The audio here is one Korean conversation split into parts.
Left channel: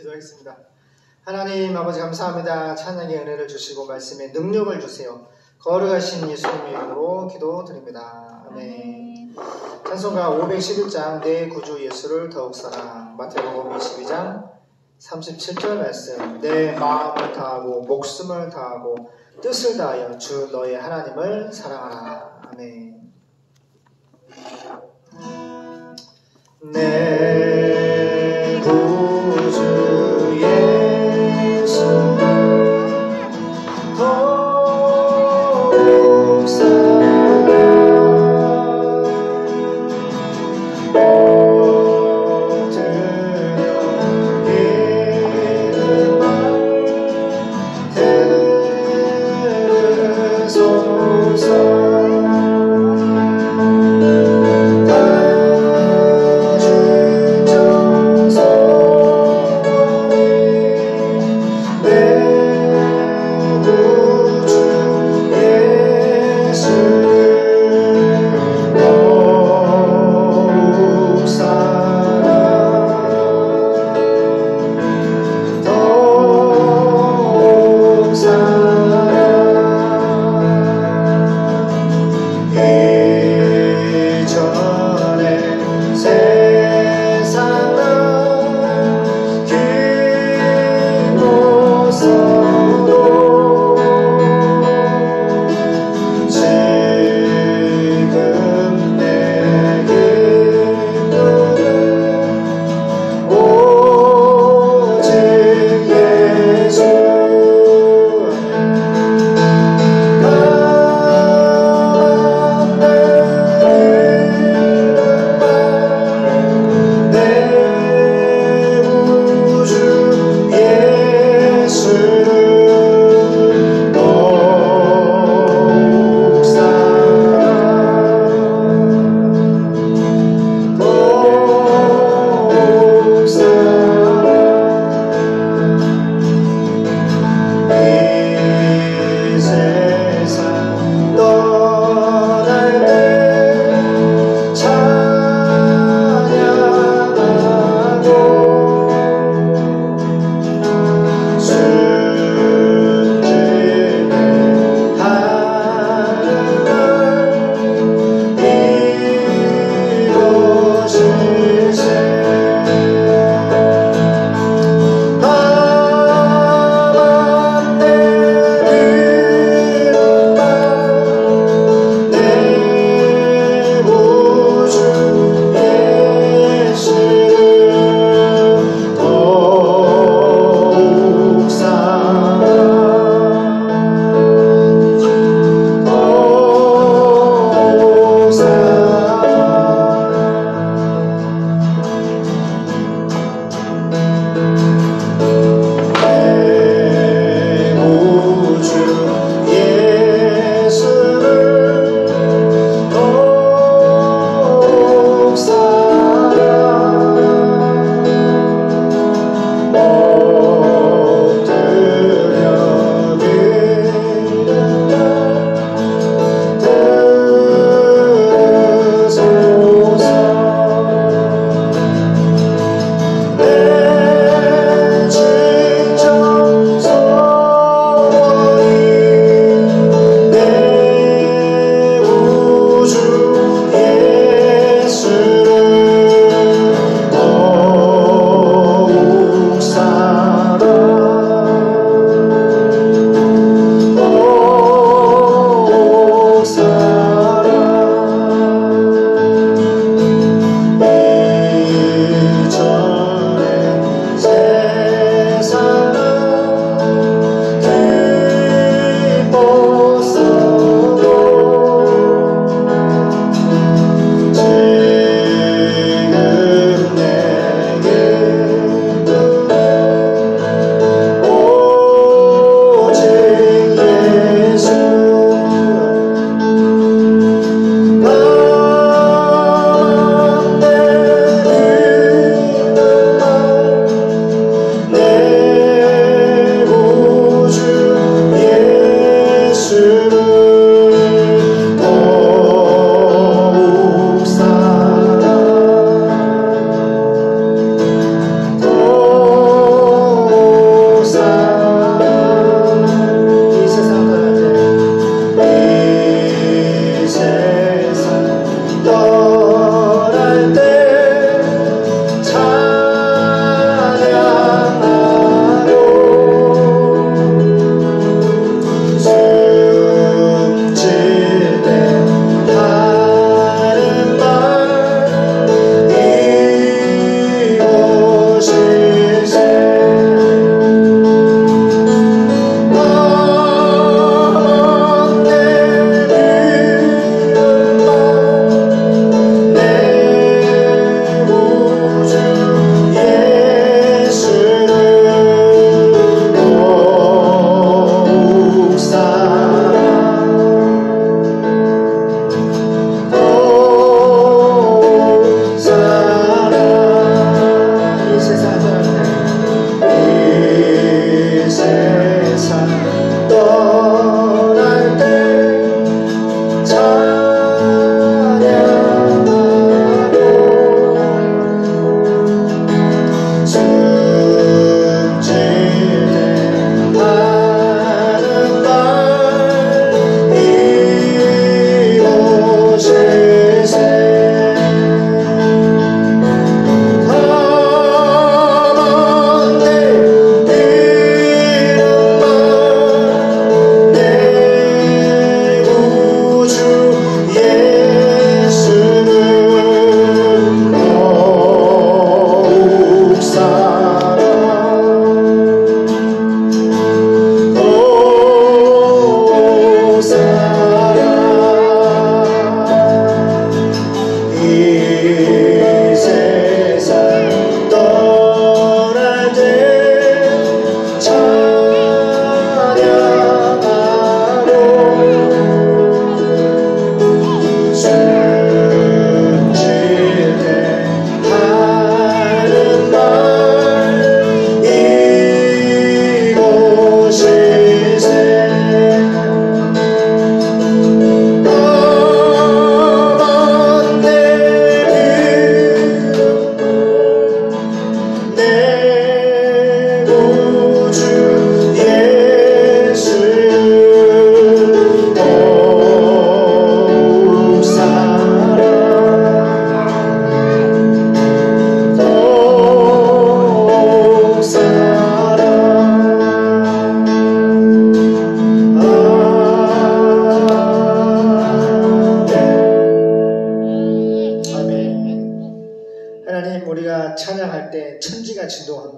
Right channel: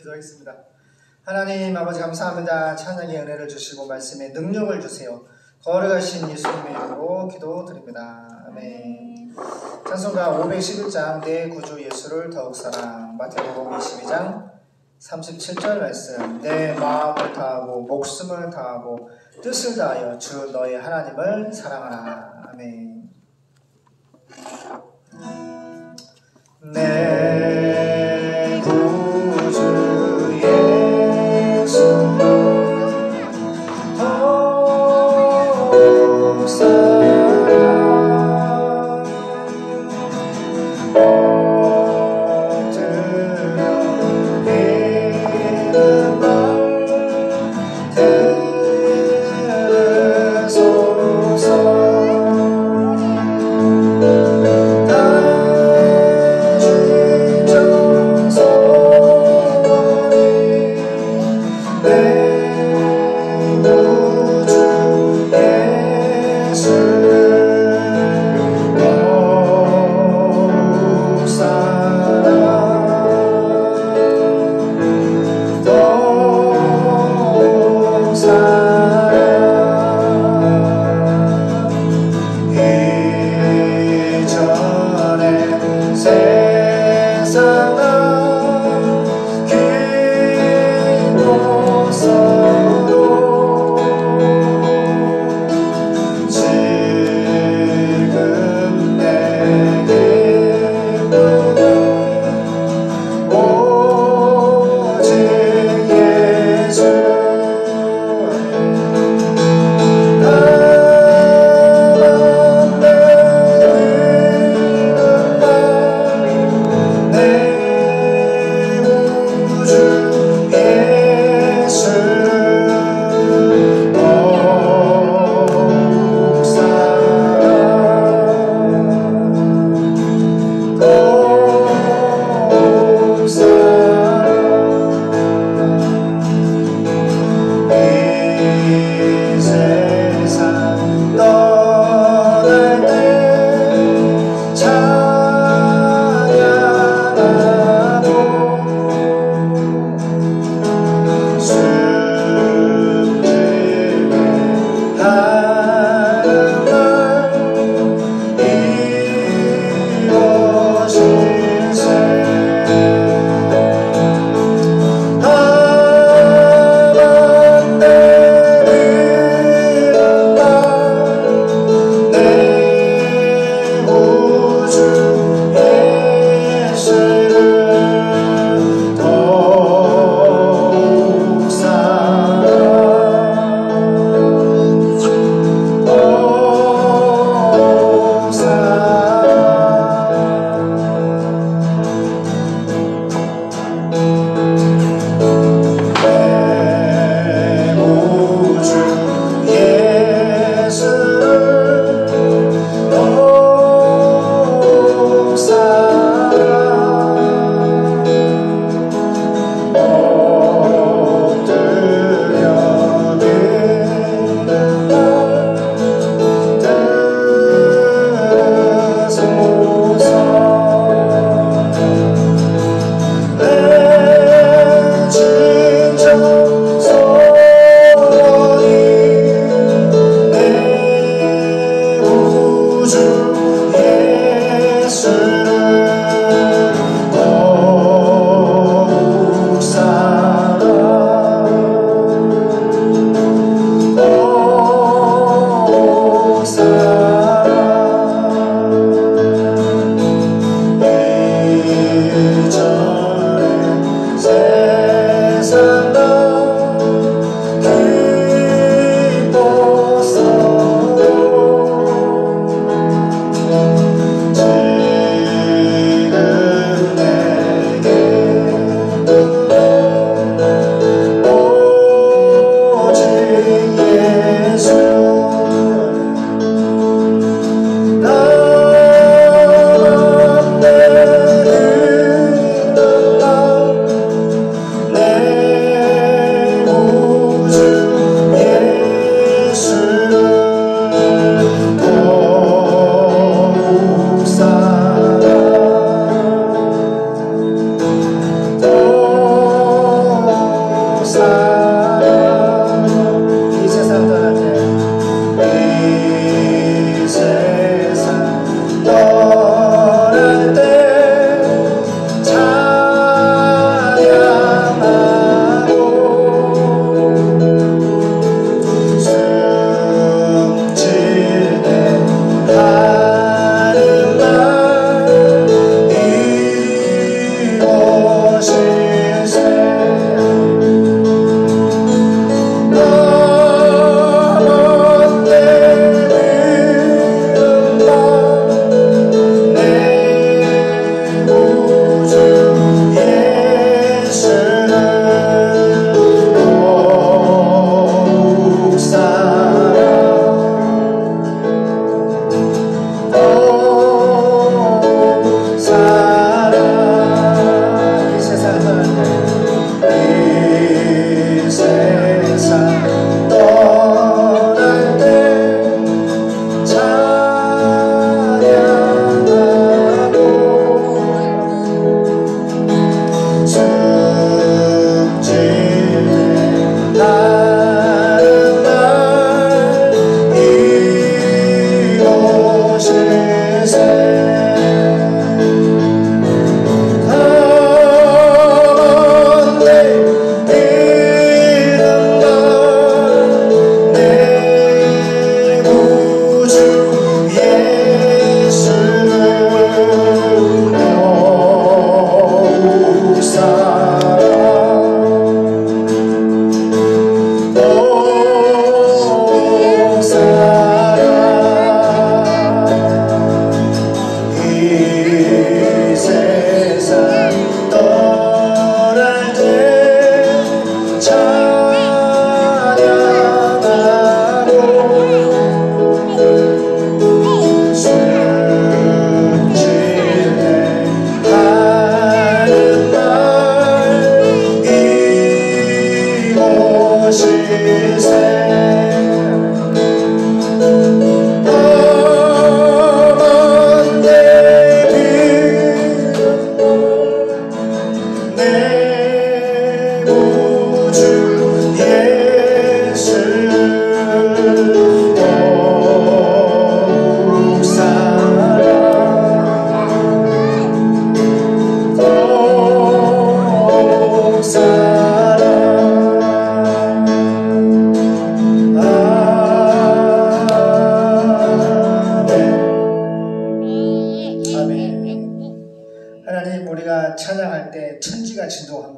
기도하겠습니다. 하나님 아버지 감사합니다. 찬양의 은혜를 주시고 말씀의 능력을 주세요. 거룩하신 예수님의 이름으로 기도드립니다. 아멘. 찬송가 511장 내 구주 예수를 더욱 사랑. 마태복음 22장 37절 말씀. 내 마음을 다하고 목숨을 다하고 뜻을 다하여 주 너의 하나님을 사랑하라. 아멘. 내 구주 예수를 더욱 사랑. 주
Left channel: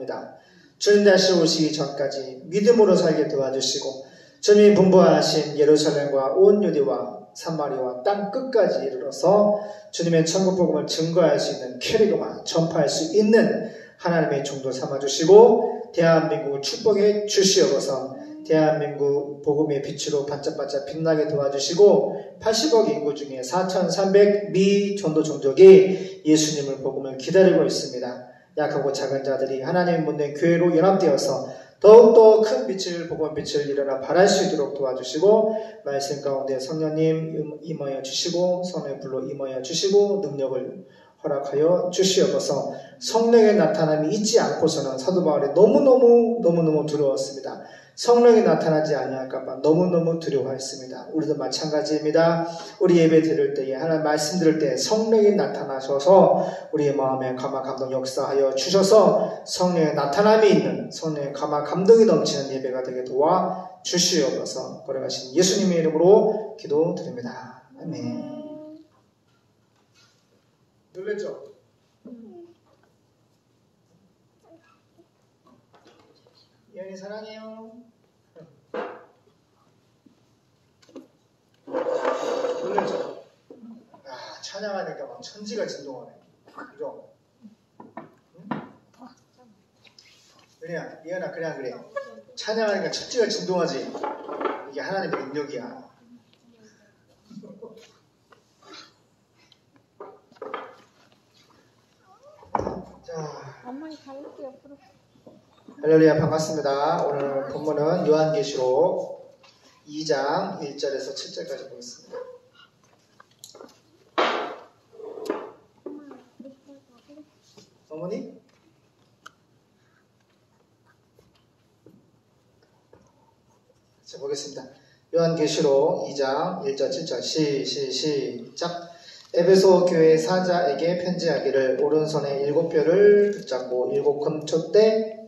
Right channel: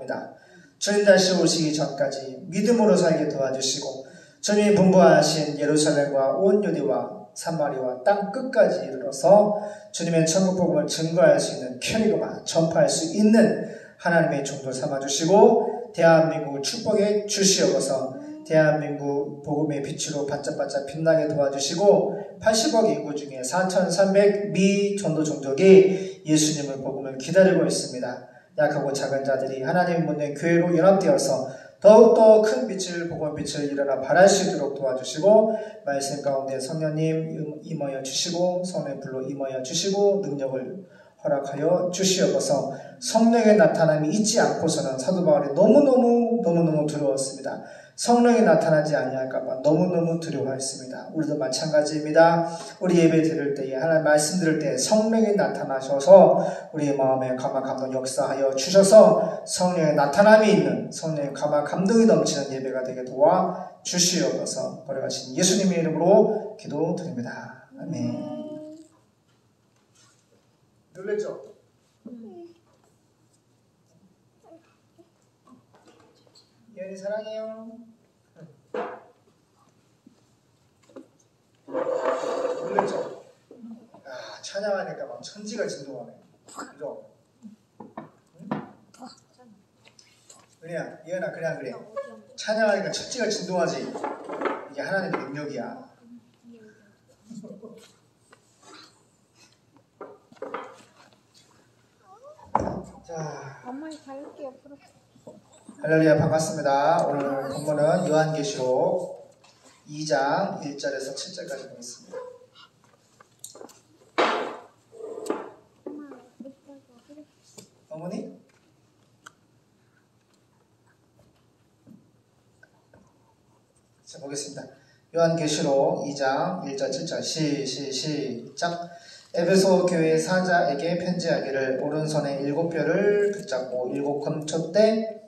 원합니다. 주님 다시 오시기 전까지 믿음으로 살게 도와주시고 주님이 분부하신 예루살렘과 온 유대와 사마리아와 땅 끝까지 이르러서 주님의 천국 복음을 증거할 수 있는 캐리그마 전파할 수 있는 하나님의 종도 삼아주시고 대한민국을 축복해 주시옵소서. 대한민국 복음의 빛으로 반짝반짝 빛나게 도와주시고 80억 인구 중에 4,300 미 전도 종족이 예수님을 복음을 기다리고 있습니다. 약하고 작은 자들이 하나님 묻는 교회로 연합되어서 더욱더 큰 빛을 복음 빛을 일어나 발할 수 있도록 도와주시고 말씀 가운데 성령님 임하여 주시고 성령의 불로 임하여 주시고 능력을 허락하여 주시옵소서. 성령의 나타남이 있지 않고서는 사도 바울이 너무너무 두려웠습니다. 성령이 나타나지 아니할까봐 너무너무 두려워했습니다. 우리도 마찬가지입니다. 우리 예배 드릴 때에 하나님 말씀 들을 때 성령이 나타나셔서 우리의 마음에 감화 감동 역사하여 주셔서 성령의 나타남이 있는 성령의 감화 감동이 넘치는 예배가 되게 도와 주시옵소서. 걸어가신 예수님의 이름으로 기도드립니다. 아멘. 놀랬죠? 예언이 사랑해요. 놀랬죠? 찬양하니까 막 천지가 진동하네. 그죠? 응? 그냥 예언아 그냥 그래. 찬양하니까 천지가 진동하지. 이게 하나님의 능력이야. 자, 엄마는 갈게 옆으로. 할렐루야 반갑습니다. 오늘 본문은 요한계시록 2장 1절에서 7절까지 보겠습니다. 어머니? 자, 보겠습니다. 요한계시록 2장 1절 7절 시작. 에베소 교회 사자에게 편지하기를 오른손에 7뼈를 붙잡고 7금초대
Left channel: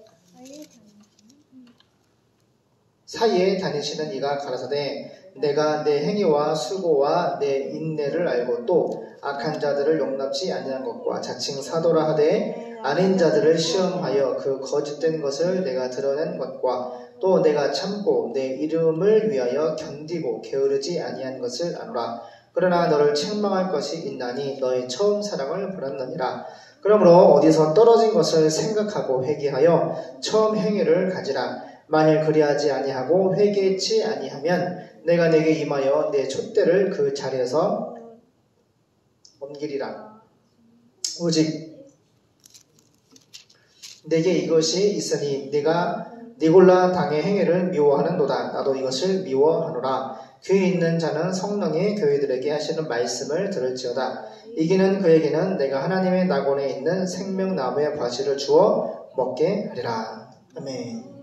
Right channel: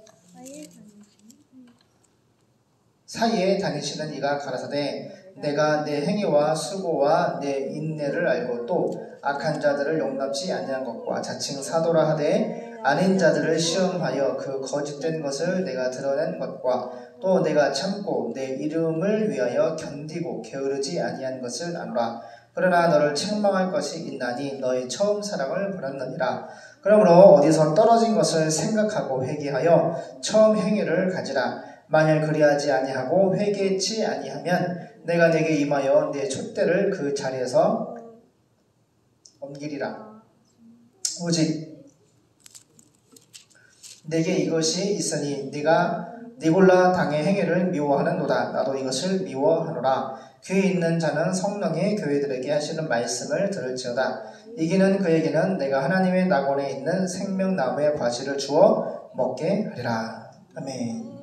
사이에 다니시는 이가 가라사대 내가 내 행위와 수고와 내 인내를 알고 또 악한 자들을 용납지 아니한 것과 자칭 사도라 하되 아닌 자들을 시험하여 그 거짓된 것을 내가 드러낸 것과 또 내가 참고 내 이름을 위하여 견디고 게으르지 아니한 것을 아노라. 그러나 너를 책망할 것이 있나니 너의 처음 사랑을 버렸느니라. 그러므로 어디서 떨어진 것을 생각하고 회개하여 처음 행위를 가지라. 만일 그리하지 아니하고 회개치 아니하면 내가 내게 임하여 내 촛대를 그 자리에서 옮기리라. 오직 내게 이것이 있으니 네가 니골라 당의 행위를 미워하는도다. 나도 이것을 미워하노라. 귀에 있는 자는 성령이 교회들에게 하시는 말씀을 들을지어다. 이기는 그에게는 내가 하나님의 낙원에 있는 생명나무의 과실을 주어 먹게 하리라. 아멘.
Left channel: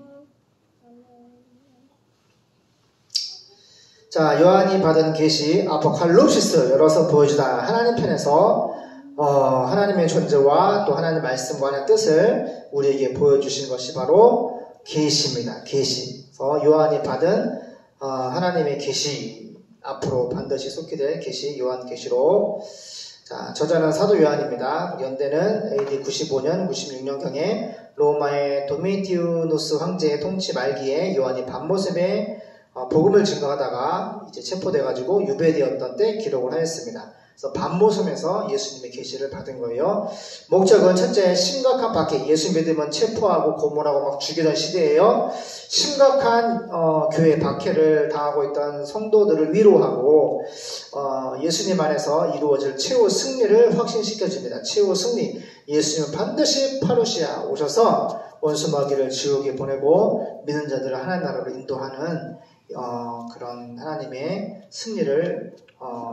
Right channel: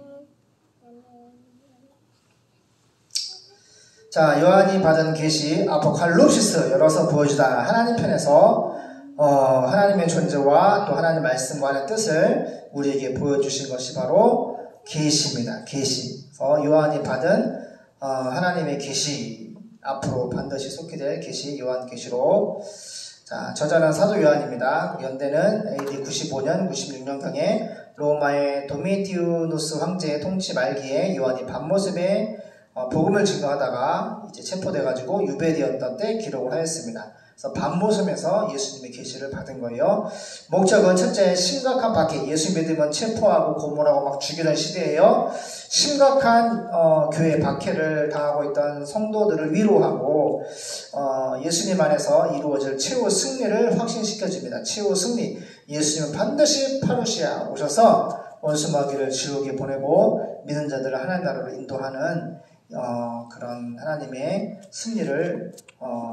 자, 요한이 받은 계시 아포칼립시스 열어서 보여주다. 하나님 편에서 하나님의 존재와 또 하나님의 말씀과의 뜻을 우리에게 보여주신 것이 바로 계시입니다. 계시. 요한이 받은 하나님의 계시, 앞으로 반드시 속히 될 계시, 요한계시록. 자, 저자는 사도 요한입니다. 연대는 AD 95년, 96년경에 로마의 도미티우누스 황제의 통치 말기에 요한이 밤모습에 복음을 증거하다가 이제 체포돼가지고 유배되었던 때 기록을 하였습니다. 그래서 밤모섬에서 예수님의 계시를 받은 거예요. 목적은 첫째, 심각한 박해, 예수 믿으면 체포하고 고문하고 막 죽이던 시대예요. 심각한 교회 박해를 당하고 있던 성도들을 위로하고 예수님 안에서 이루어질 최후 승리를 확신시켜줍니다. 최후 승리, 예수님은 반드시 파루시아 오셔서 원수마귀를 지옥에 보내고 믿는 자들을 하나님 나라로 인도하는 그런 하나님의 승리를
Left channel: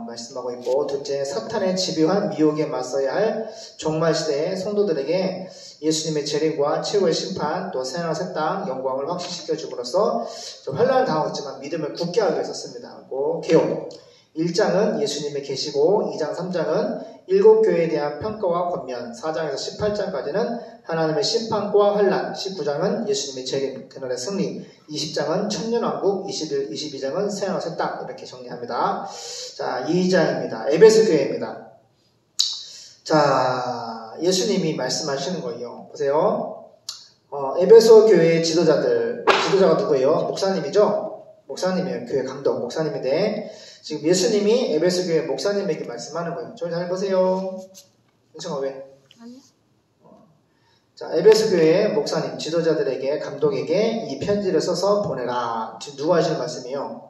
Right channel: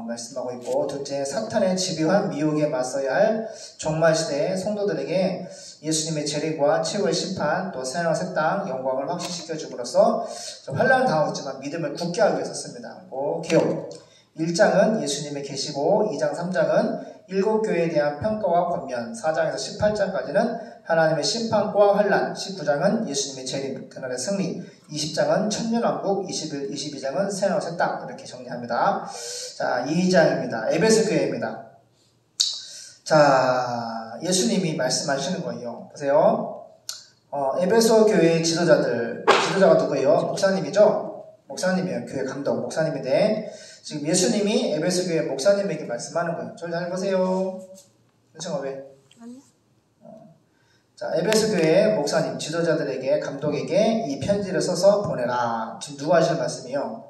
말씀하고 있고, 둘째, 사탄의 집요한 미혹에 맞서야 할 종말시대의 성도들에게 예수님의 재림과 최후의 심판, 또 새하늘과 새 땅 영광을 확신시켜 줌으로써 좀 환난을 당하고 있지만 믿음을 굳게 하기 위해서 씁니다. 개요. 1장은 예수님의 계시고 2장 3장은 7교회에 대한 평가와 권면, 4장에서 18장까지는 하나님의 심판과 환난, 19장은 예수님의 재림, 그날의 승리, 20장은 천년왕국, 21, 22장은 새하늘과 새 땅, 이렇게 정리합니다. 자, 2장입니다. 에베소 교회입니다. 자, 예수님이 말씀하시는 거예요. 보세요. 에베소 교회의 지도자가 누구예요? 목사님이죠? 목사님이에요. 교회 감독, 목사님인데, 지금 예수님이 에베소 교회 목사님에게 말씀하는 거예요. 저를 잘 보세요. 은성아, 왜? 아니. 자, 에베소 교회 목사님, 지도자들에게, 감독에게 이 편지를 써서 보내라. 지금 누가 하시는 말씀이에요?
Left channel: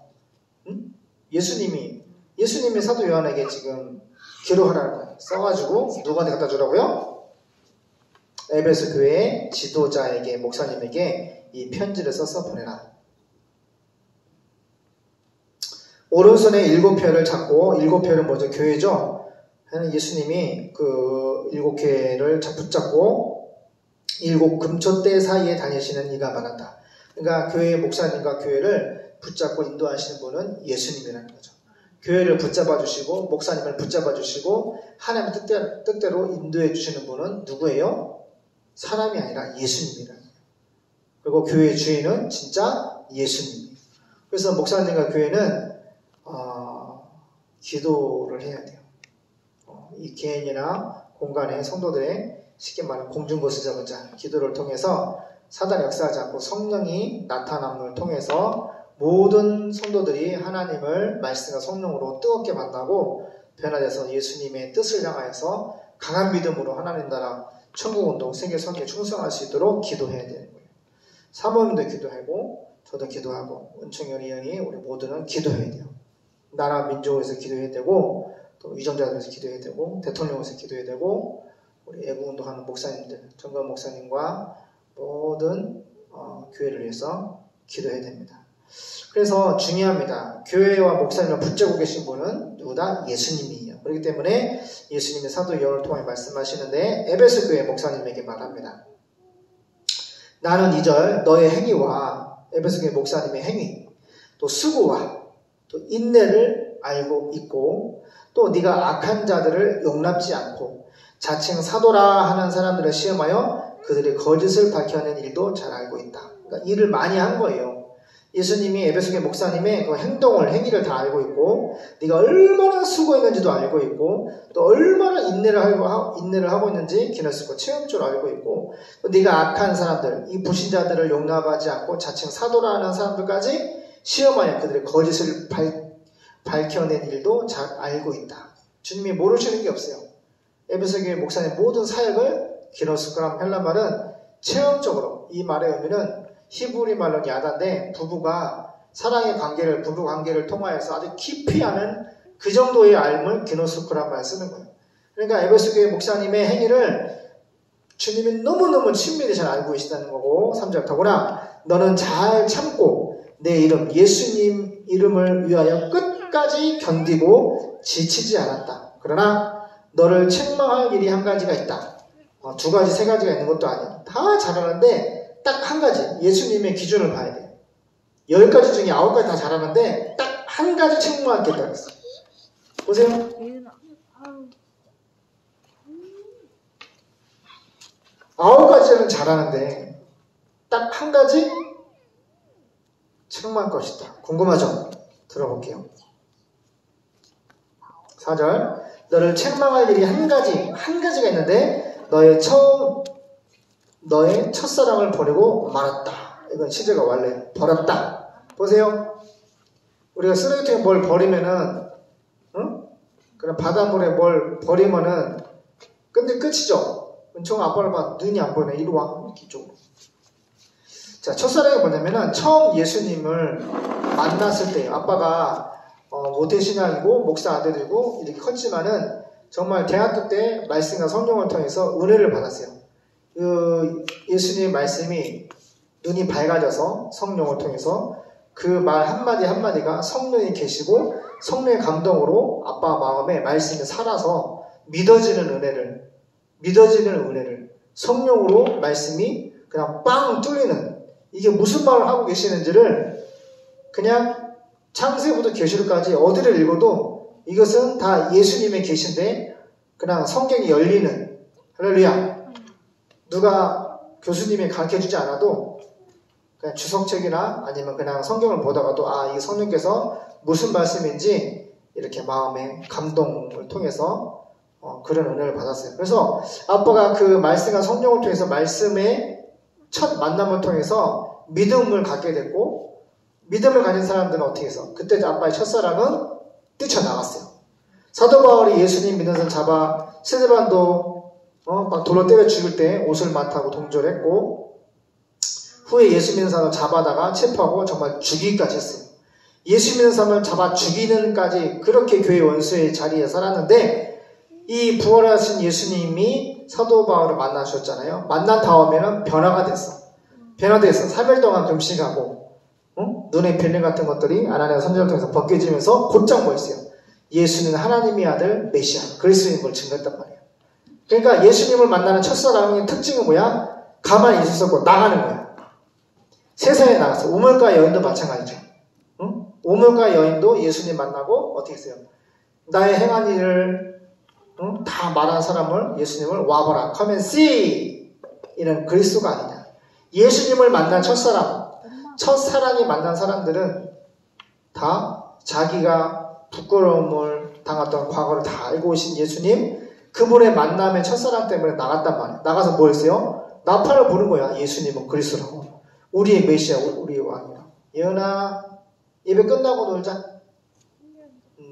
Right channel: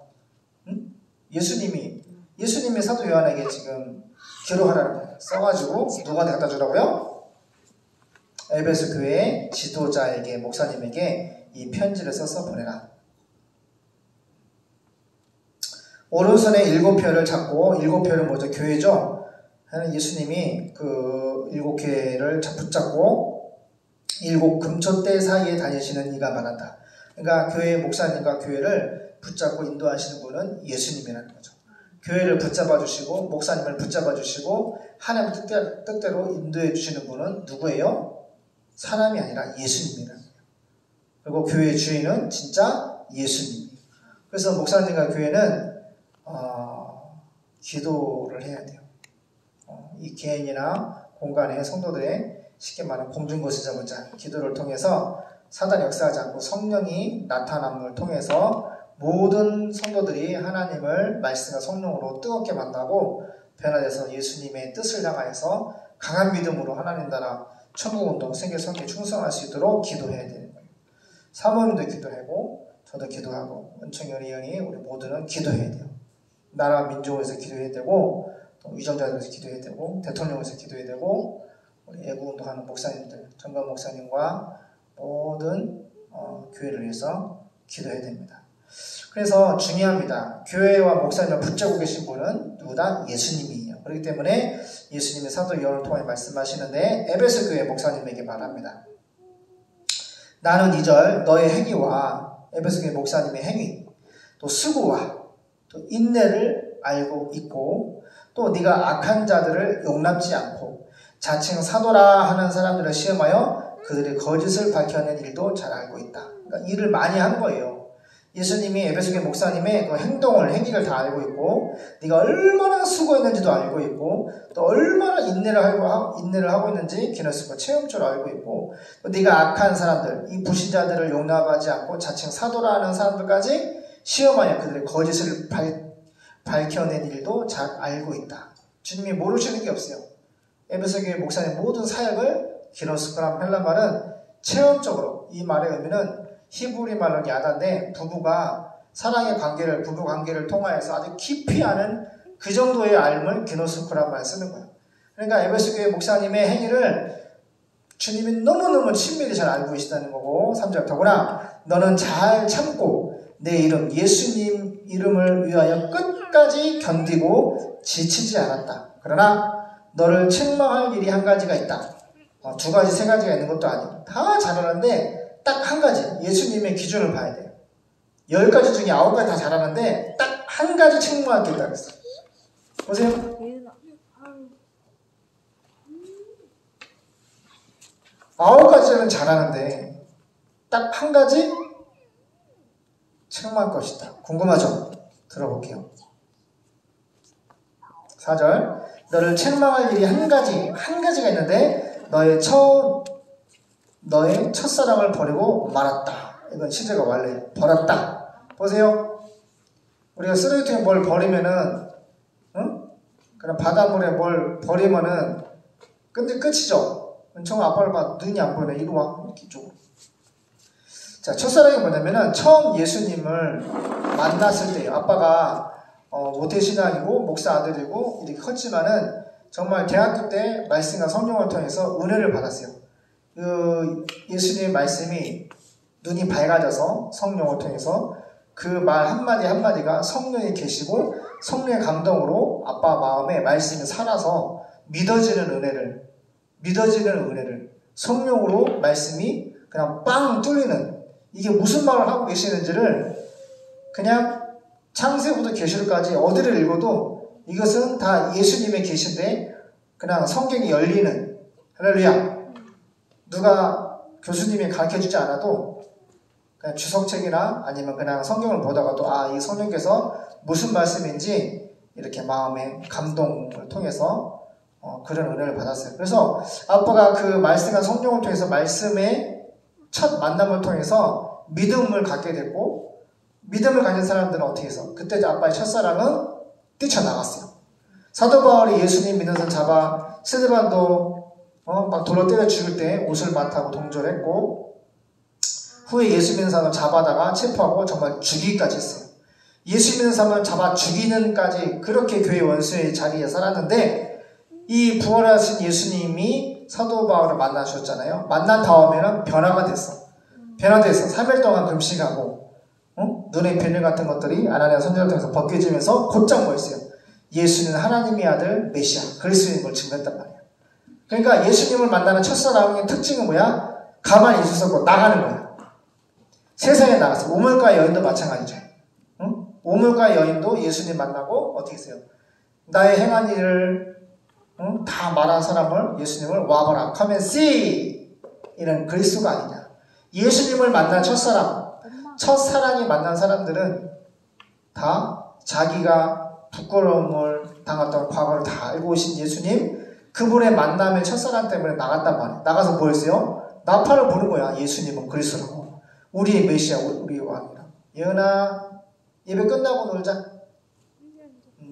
응? 예수님이 사도 요한에게 지금 기록하라는 거예요. 써가지고 누구한테 갖다 주라고요? 에베소 교회 지도자에게, 목사님에게 이 편지를 써서 보내라. 오른손에 7표를 잡고, 7표는 뭐죠? 교회죠? 예수님이 그 7개를 붙잡고 7 금초대 사이에 다니시는 이가 말한다. 그러니까 교회 목사님과 교회를 붙잡고 인도하시는 분은 예수님이라는 거죠. 교회를 붙잡아 주시고 목사님을 붙잡아 주시고 하나님의 뜻대로 인도해 주시는 분은 누구예요? 사람이 아니라 예수님이라는 거예요. 그리고 교회의 주인은 진짜 예수님이에요. 그래서 목사님과 교회는 기도를 해야 돼요. 이 개인이나 공간의 성도들의 쉽게 말하면 공중것을 잡은 자, 기도를 통해서 사단이 역사하지 않고 성령이 나타남을 통해서 모든 성도들이 하나님을 말씀과 성령으로 뜨겁게 만나고 변화돼서 예수님의 뜻을 향하여서 강한 믿음으로 하나님 나라 천국운동 세계 선교에 충성할 수 있도록 기도해야 되는 거예요. 사모님도 기도하고 저도 기도하고 은총이 의원이 우리 모두는 기도해야 돼요. 나라 민족을 위해서 기도해야 되고 또 유전자를 위해서 기도해야 되고 대통령을 위해서 기도해야 되고 우리 애국운동하는 목사님들, 정관 목사님과 모든 교회를 위해서 기도해야 됩니다. 그래서 중요합니다. 교회와 목사님을 붙잡고 계신 분은 누구다? 예수님이에요. 그렇기 때문에 예수님의 사도 요한을 통해 말씀하시는데 에베소 교회 목사님에게 말합니다. 나는 2절 너의 행위와 에베소 교회 목사님의 행위 또 수고와 또 인내를 알고 있고 또 네가 악한 자들을 용납지 않고 자칭 사도라 하는 사람들을 시험하여 그들의 거짓을 밝혀낸 일도 잘 알고 있다. 그러니까 일을 많이 한 거예요. 예수님이 에베소교회 목사님의 그 행위를 다 알고 있고 네가 얼마나 수고했는지도 알고 있고 또 얼마나 인내를 하고 있는지 기너스고 체험적으로 알고 있고 또 네가 악한 사람들, 이 불신자들을 용납하지 않고 자칭 사도라 하는 사람들까지 시험하여 그들의 거짓을 밝혀낸 일도 잘 알고 있다. 주님이 모르시는 게 없어요. 에베소교회 목사님 모든 사역을 기노스크람 헬라 말은 체험적으로, 이 말의 의미는 히브리 말로 야다인데 부부가 사랑의 관계를, 부부 관계를 통하여서 아주 깊이 아는 그 정도의 알을 기노스크람 말 쓰는 거예요. 그러니까 에베소교회 목사님의 행위를 주님이 너무너무 친밀히 잘 알고 계시다는 거고, 3절 더구나 너는 잘 참고 내 이름 예수님 이름을 위하여 끝까지 견디고 지치지 않았다. 그러나 너를 책망할 일이 한 가지가 있다. 2가지, 3가지가 있는 것도 아니야. 다 잘하는데 딱 한 가지, 예수님의 기준을 봐야 돼요. 10가지 중에 9가지 다 잘하는데 딱 한 가지 책망할 게 있다 그랬어. 보세요. 9가지는 잘하는데 딱 한 가지 책망할 것이다. 궁금하죠? 들어볼게요. 4절 너를 책망할 일이 한 가지가 있는데 너의 첫사랑을 버리고 말았다. 이건 시제가 원래 버렸다. 보세요. 우리가 쓰레기통에 뭘 버리면은, 그럼 바닷물에 뭘 버리면은 근데 끝이죠. 은총아 아빠를 봐. 눈이 안 보이네. 이리 와. 이렇게 이쪽으로. 자, 첫사랑이 뭐냐면은 처음 예수님을 만났을 때 아빠가 모태신앙이고 목사 아들이고 이렇게 컸지만은 정말 대학교 때 말씀과 성령을 통해서 은혜를 받았어요. 그 예수님의 말씀이 눈이 밝아져서 성령을 통해서 그 말 한마디 한마디가 성령이 계시고 성령의 감동으로 아빠 마음에 말씀이 살아서 믿어지는 은혜를 성령으로 말씀이 그냥 빵 뚫리는, 이게 무슨 말을 하고 계시는지를 그냥 창세부터 계시록까지 어디를 읽어도 이것은 다 예수님의 계신데 그냥 성경이 열리는, 할렐루야. 누가 교수님이 가르쳐주지 않아도 그냥 주석책이나 아니면 그냥 성경을 보다가도 이 성령께서 무슨 말씀인지 이렇게 마음의 감동을 통해서 그런 은혜를 받았어요. 그래서 아빠가 그 말씀과 성령을 통해서 말씀의 첫 만남을 통해서 믿음을 갖게 됐고, 믿음을 가진 사람들은 어떻게 해서? 그때 아빠의 첫사랑은 뛰쳐나갔어요. 사도 바울이 예수님 믿는 사람 잡아 스데반도 막 돌로 때려 죽일 때 옷을 맡하고 동조했고, 후에 예수 믿는 사람을 잡아다가 체포하고 정말 죽이기까지 했어요. 예수 믿는 사람을 잡아 죽이는까지 그렇게 교회 원수의 자리에 살았는데, 이 부활하신 예수님이 사도 바울을 만나셨잖아요. 만난 다음에는 변화가 됐어. 변화돼서 3일 동안 금식하고, 눈의 변형 같은 것들이 아나니아 선지자를 통해서 벗겨지면서 곧장 뭐였어요? 예수님은 하나님의 아들 메시아 그리스도인 걸 증거했단 말이야. 그러니까 예수님을 만나는 첫사랑의 특징은 뭐야? 가만히 있을 수 없고 나가는 거야. 세상에 나갔어. 우물가 여인도 마찬가지죠. 우물가 여인도 예수님 만나고 어떻게 했어요? 나의 행한 일을 다 말한 사람을 예수님을 와봐라. Come and see. 이런 그리스도가 아니냐. 예수님을 만난 첫사랑이 만난 사람들은 다 자기가 부끄러움을 당했던 과거를 다 알고 오신 예수님, 그분의 만남의 첫사랑 때문에 나갔단 말이에요. 나가서 뭐 했어요? 나팔을 부는 거야. 예수님은 그리스도라고. 우리의 메시아, 우리의 왕이라고. 예은아, 예배 끝나고 놀자.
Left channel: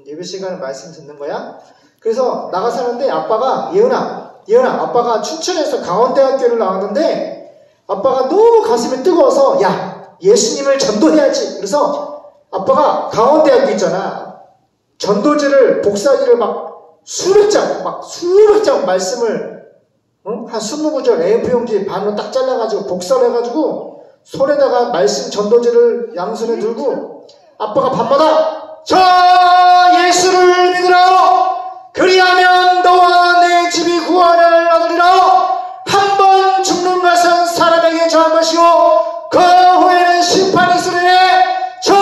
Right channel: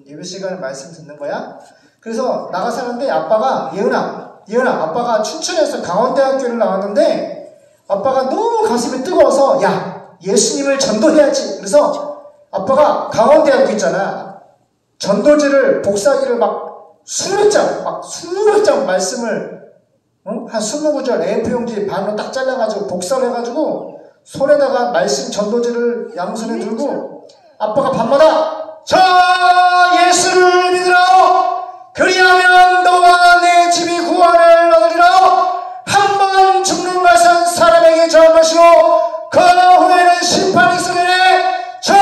예배 시간에 말씀 듣는 거야. 그래서 나가서 하는데 아빠가 예은아, 아빠가 춘천에서 강원대학교를 나왔는데 아빠가 너무 가슴이 뜨거워서 야, 예수님을 전도해야지. 그래서 아빠가 강원대학교 있잖아. 전도지를 복사기를 수백 장 말씀을 한 20구절 A4용지 반으로 딱 잘라가지고 복사를 해가지고 손에다가 말씀 전도지를 양손에 들고 아빠가 밤마다 저 예수를 믿으라 그리하면 너와 내 집이 구원을 얻으리라 한 번 죽는 것은 사람에게 절 것이고 그 후에는 심판이 있으리니 저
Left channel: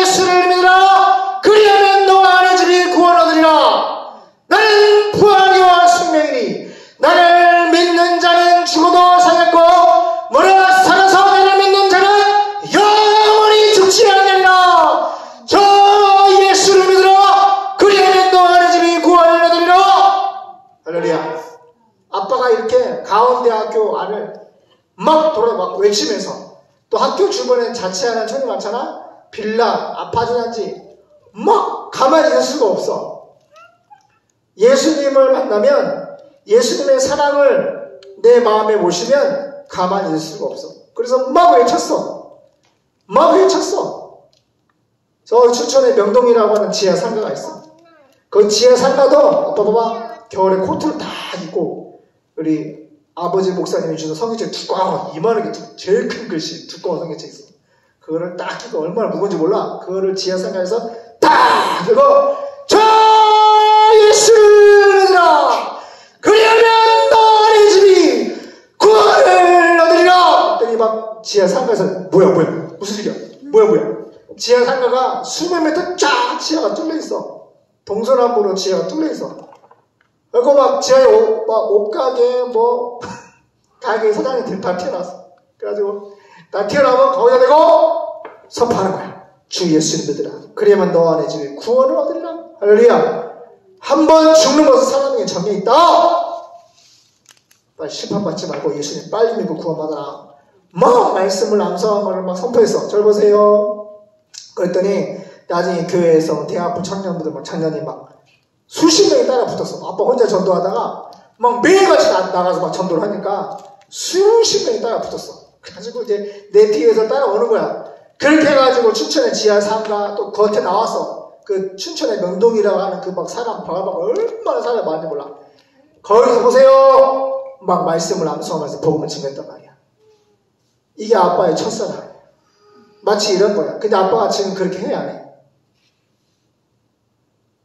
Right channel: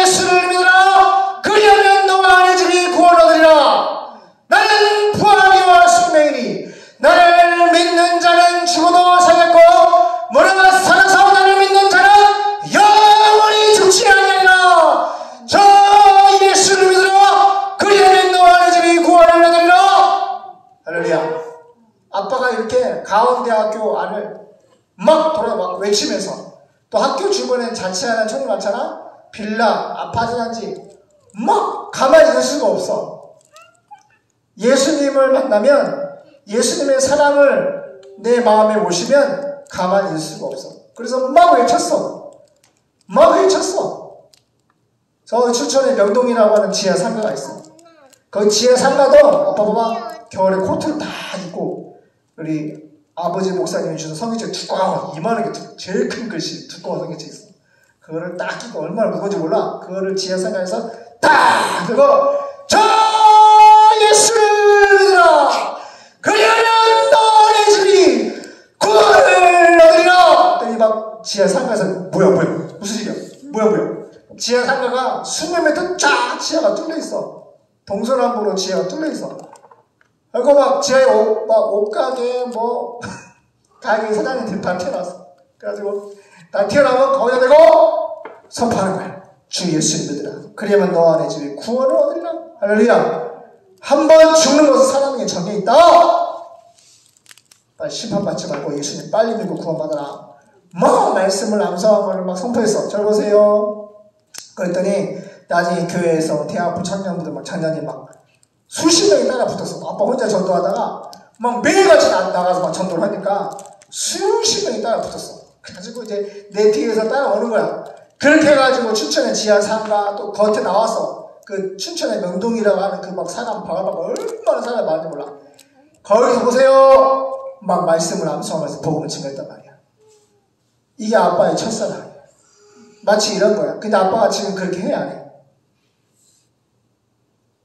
예수를 믿으라 그리하면 너와 내 집이 구원 얻으리라. 나는 부활이와 생명이니 나를 믿는 자는 죽어도 살겠고 무릇 살아서 나를 믿는 자는 영원히 죽지 아니하리라. 저 예수를 믿으라 그리하면 너와 내 집이 구원을 얻으리라. 할렐루야. 아빠가 이렇게 가운데학교 안을 막 외치면서 또 학교 주변에 자취하는 촌이 많잖아. 빌라, 아파트 단지 막 가만히 있을 수가 없어. 예수님을 만나면 예수님의 사랑을 내 마음에 모시면 가만히 있을 수가 없어. 그래서 막 외쳤어. 저 춘천에 명동이라고 하는 지하 상가가 있어. 그 지하 상가도 아빠 봐봐 겨울에 코트를 다 입고 우리 아버지 목사님이 주는 성경책 두꺼운 이만하게 제일 큰 글씨 두꺼운 성경책 있어. 그거를 딱 끼고 얼마나 무거운지 몰라. 그거를 지하 상가에서 딱 그리고 저 예수를 믿으라 그리하면 너의 집이 구원을 얻으리라. 그랬더니 막 지하 상가에서 뭐야 무슨 일이야 뭐야 지하 상가가 20m 쫙 지하가 뚫려있어. 동서남북으로 지하가 뚫려있어. 그리고 막 지하에 옷가게 가게 사장님들 다 튀어나왔어. 그래가지고 다 튀어나오면 거기다 대고 선포하는 거야. 주 예수를 믿으라 그리하면 너와 내 집에 구원을 얻으리라. 할렐루야. 한 번 죽는 것은 사람에게 정이 있다. 빨리 심판받지 말고 예수님 빨리 믿고 구원받아라. 말씀을 암송함을 막 선포했어. 저 보세요. 그랬더니 나중에 교회에서 대학부 청년부들 청년이 수십 명이 따라 붙었어. 아빠 혼자 전도하다가 매일같이 나가서 전도를 하니까 수십 명이 따라 붙었어. 그래가지고 이제 내 뒤에서 따라오는 거야. 그렇게 해가지고 춘천의 지하 상가 또 겉에 나와서 그 춘천의 명동이라고 하는 그 사람 바글바글 얼마나 사람이 많은지 몰라. 거기서 보세요. 말씀을 암송하면서 복음을 증거했단 말이야. 이게 아빠의 첫사랑이야. 마치 이런 거야. 근데 아빠가 지금 그렇게 해 안 해?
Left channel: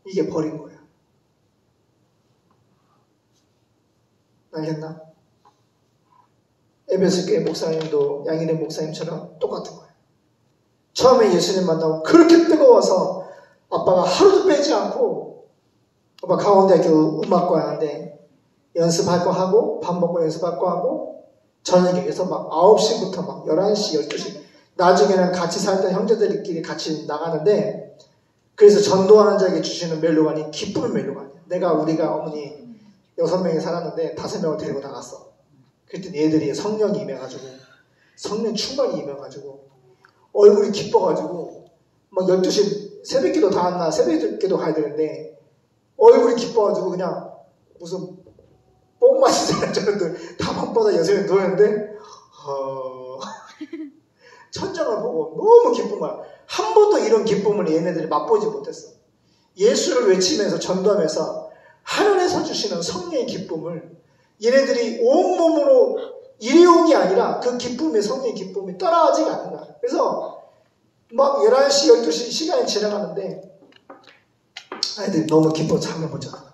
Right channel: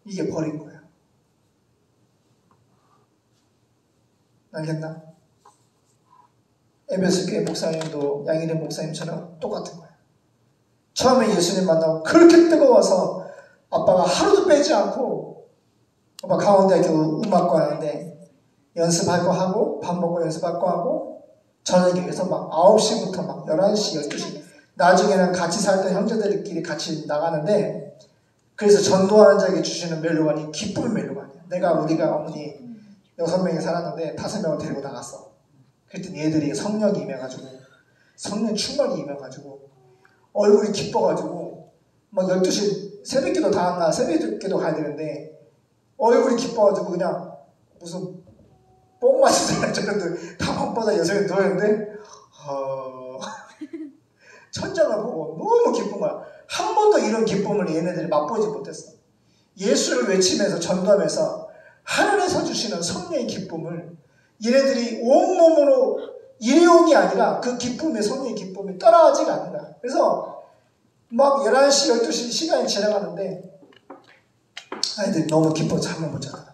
이게 버린 거야. 알겠나? 에베소 교회 목사님도 양일의 목사님처럼 똑같은 거야. 처음에 예수님 만나고 그렇게 뜨거워서 아빠가 하루도 빼지 않고 아빠 강원대학교 음악과 하는데 연습할 거 하고 밥 먹고 연습할 거 하고 저녁에 그래서 9시부터 11시, 12시 나중에는 같이 살던 형제들끼리 같이 나가는데 그래서 전도하는 자에게 주시는 멜로간이 기쁨의 멜로간이야. 우리가 어머니 6명이 살았는데 5명을 데리고 나갔어. 그랬더니 얘들이 성령이 임해가지고 성령 충만히 입어가지고 얼굴이 기뻐가지고 막 12시 새벽기도 다음날 새벽기도 가야 되는데 얼굴이 기뻐가지고 그냥 무슨 뽕 마시잖아요. 저는 다 밤바다 여성이 누워있는데 천장을 보고 너무 기쁜 거야. 한 번도 이런 기쁨을 얘네들이 맛보지 못했어. 예수를 외치면서 전도하면서 하늘에서 주시는 성령의 기쁨을 얘네들이 온몸으로 일회용이 아니라 그 기쁨의 성령의 기쁨이 떠나가지가 않는 거야. 그래서 막 11시, 12시 시간이 지나가는데 아이들이 너무 기뻐 잠을 못 자더라고.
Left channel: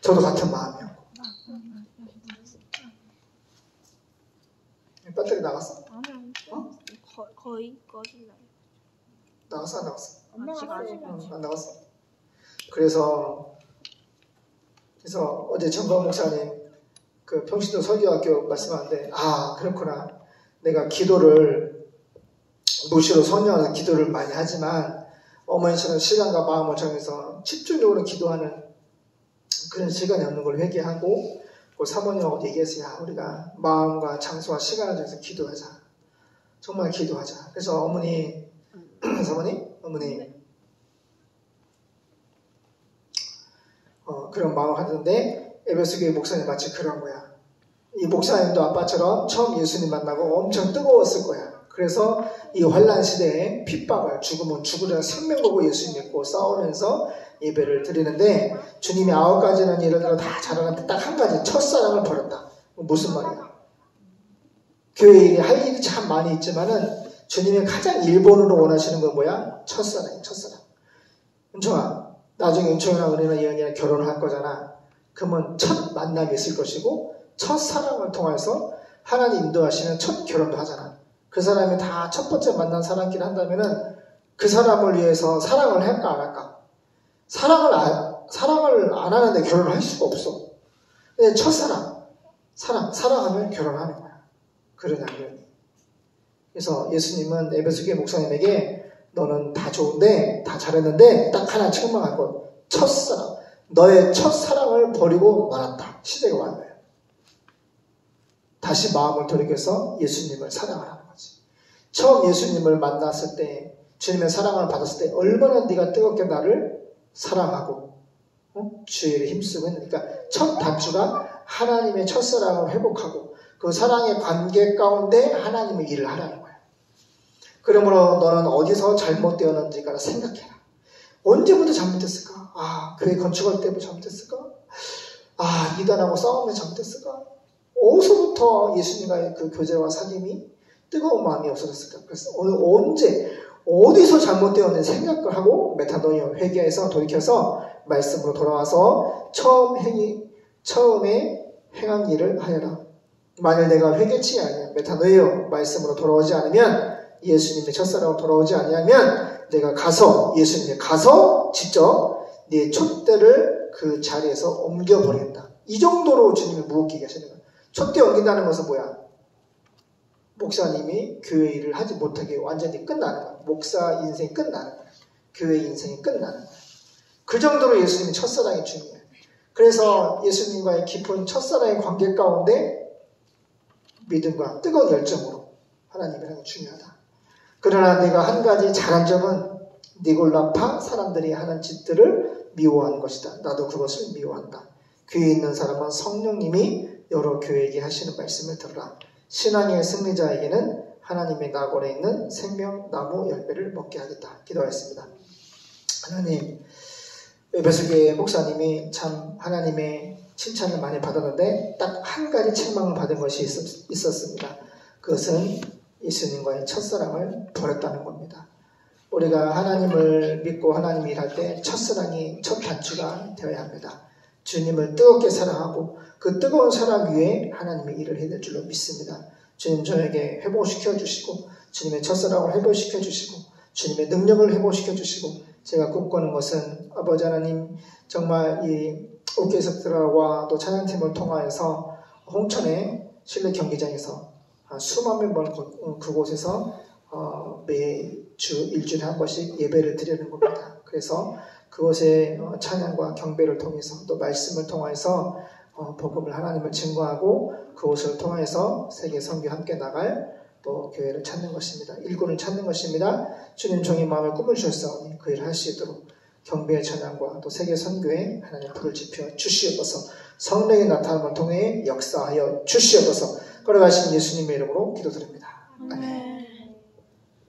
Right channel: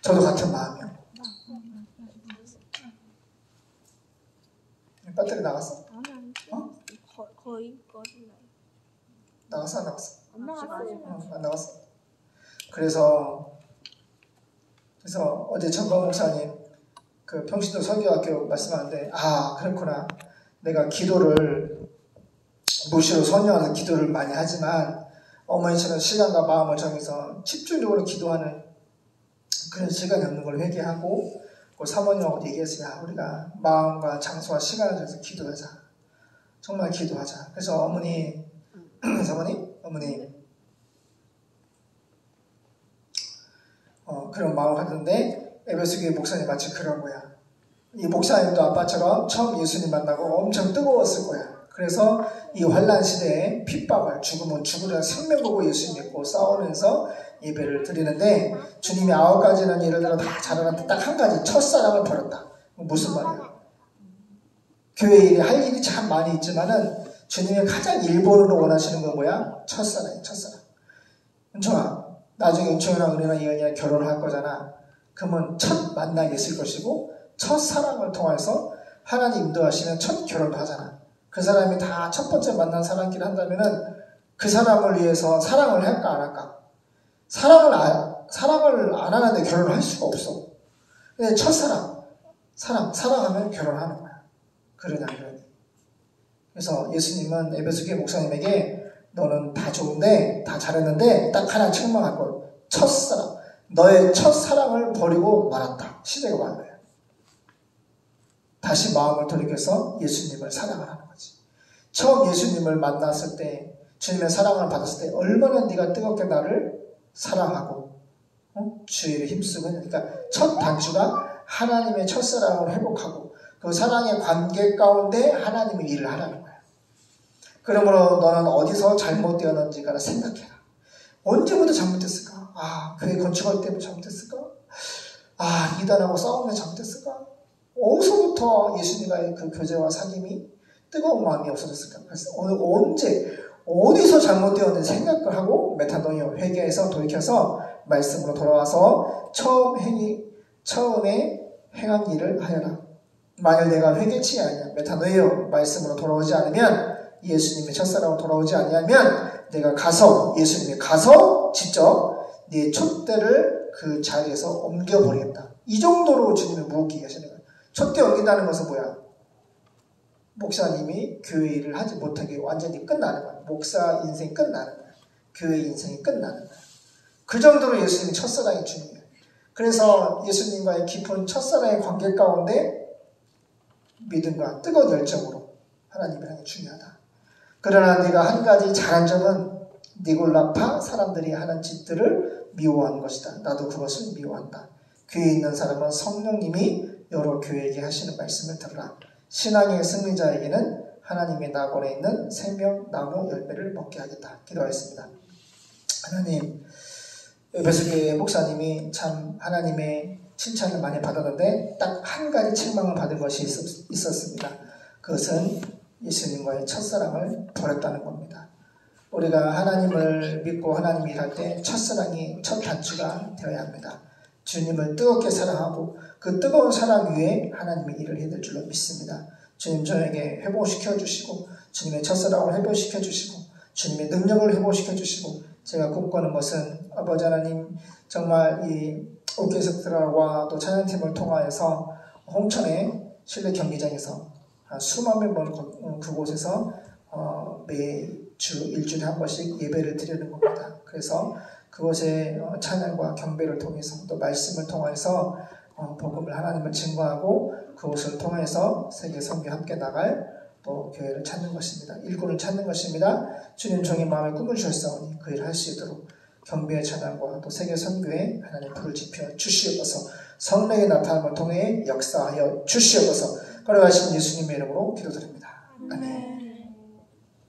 저도 같은 마음이에요. 배터리 나갔어? 아니. 어? 거의 꺼질라요. 나갔어? 안 나갔어? 안 나갔어요. 안 나갔어. 그래서 어제 정광 목사님 그 평신도 설교학교 말씀하는데 그렇구나. 내가 기도를 무시로 선녀하는 기도를 많이 하지만 어머니처럼 시간과 마음을 정해서 집중적으로 기도하는 그런 시간이 없는 걸 회개하고 그 사모님하고 얘기했어요. 우리가 마음과 장소와 시간을 정해서 기도하자. 정말 기도하자. 그래서 어머니 그런 마음을 가졌는데 에베소교회 목사님 마치 그런 거야. 이 목사님도 아빠처럼 처음 예수님 만나고 엄청 뜨거웠을 거야. 그래서 이 환난 시대에 핍박을 죽으면 죽으려 생명 걸고 예수 믿고 싸우면서 예배를 드리는데 주님이 9가지는 예를 들어 다 잘하는데 딱 한 가지 첫사랑을 버렸다. 무슨 말이야? 교회 일이 할 일이 참 많이 있지만은 주님이 가장 일본으로 원하시는 건 뭐야? 첫사랑이야. 첫사랑. 은총아, 나중에 은총이나 은혜나 예언이나 결혼할 거잖아. 그러면 첫 만남이 있을 것이고 첫 사랑을 통해서 하나님 인도하시는 첫 결혼도 하잖아. 그 사람이 다 첫 번째 만난 사람끼리 한다면은 그 사람을 위해서 사랑을 할까 안 할까? 사랑을 안 하는데 결혼을 할 수가 없어. 근데 첫사랑, 사랑하면 결혼하는 거야. 그러냐, 그러니. 그래서 예수님은 에베소교회 목사님에게 너는 다 좋은데, 다 잘했는데, 딱 하나 책망할 것. 첫사랑. 너의 첫사랑을 버리고 말았다. 시대가 온 거야. 다시 마음을 돌이켜서 예수님을 사랑하라는 거지. 처음 예수님을 만났을 때, 주님의 사랑을 받았을 때, 얼마나 네가 뜨겁게 나를 사랑하고, 주의 일에 힘쓰고 했는데, 그러니까 첫 단추가 하나님의 첫사랑을 회복하고, 그 사랑의 관계 가운데 하나님의 일을 하라는 거야. 그러므로 너는 어디서 잘못되었는지가 생각해라. 언제부터 잘못했을까? 교회 건축할 때부터 잘못했을까? 이단하고 싸우면 잘못했을까? 어디서부터 예수님과의 그 교제와 사귐이 뜨거운 마음이 없어졌을까? 그래서 언제, 어디서 잘못되었는지 생각을 하고 메타노이어 회개해서 돌이켜서 말씀으로 돌아와서 처음에 행한 일을 하여라. 만일 내가 회개치 아니면 메타노이어 말씀으로 돌아오지 않으면 예수님의 첫사랑으로 돌아오지 아니하면 내가 예수님이 가서 직접 네 촛대를 그 자리에서 옮겨버리겠다. 이 정도로 주님이 무겁게 얘기하시는 거예요. 촛대 옮긴다는 것은 뭐야? 목사님이 교회 일을 하지 못하게 완전히 끝나는 거야. 목사 인생이 끝나는 거야. 교회 인생이 끝나는 거야. 그 정도로 예수님의 첫사랑이 중요해요. 그래서 예수님과의 깊은 첫사랑의 관계 가운데 믿음과 뜨거운 열정으로 하나님의 하는 게 중요하다. 그러나 내가 한 가지 잘한 점은 니골라파 사람들이 하는 짓들을 미워하는 것이다. 나도 그것을 미워한다. 교회에 있는 사람은 성령님이 여러 교회에게 하시는 말씀을 들으라. 신앙의 승리자에게는 하나님의 낙원에 있는 생명나무 열매를 먹게 하겠다. 기도하였습니다. 하나님, 에베소교회 목사님이 참 하나님의 칭찬을 많이 받았는데 딱 한 가지 책망을 받은 것이 있었습니다. 그것은 예수님과의 첫사랑을 버렸다는 겁니다. 우리가 하나님을 믿고 하나님 일할 때 첫사랑이 첫 단추가 되어야 합니다. 주님을 뜨겁게 사랑하고 그 뜨거운 사랑 위에 하나님의 일을 해낼 줄로 믿습니다. 주님 저에게 회복시켜 주시고 주님의 첫사랑을 회복시켜 주시고 주님의 능력을 회복시켜 주시고 제가 꿈꾸는 것은 아버지 하나님 정말 이 오케스트라와 또 찬양팀을 통하여서 홍천의 실내 경기장에서 수만 명을 그곳에서 매주 일주일에 한 번씩 예배를 드리는 겁니다. 그래서 그곳에 찬양과 경배를 통해서 또 말씀을 통해서 복음을 하나님을 증거하고 그것을 통해서 세계 선교 함께 나갈 또 교회를 찾는 것입니다. 일꾼을 찾는 것입니다. 주님 종이 마음에 꿈을 주셨사오니 그 일을 할 수 있도록 경배의 전환과 또 세계 선교에 하나님 불을 지펴 주시옵소서. 성령의 나타남을 통해 역사하여 주시옵소서. 걸어가신 예수님의 이름으로 기도드립니다. 아멘.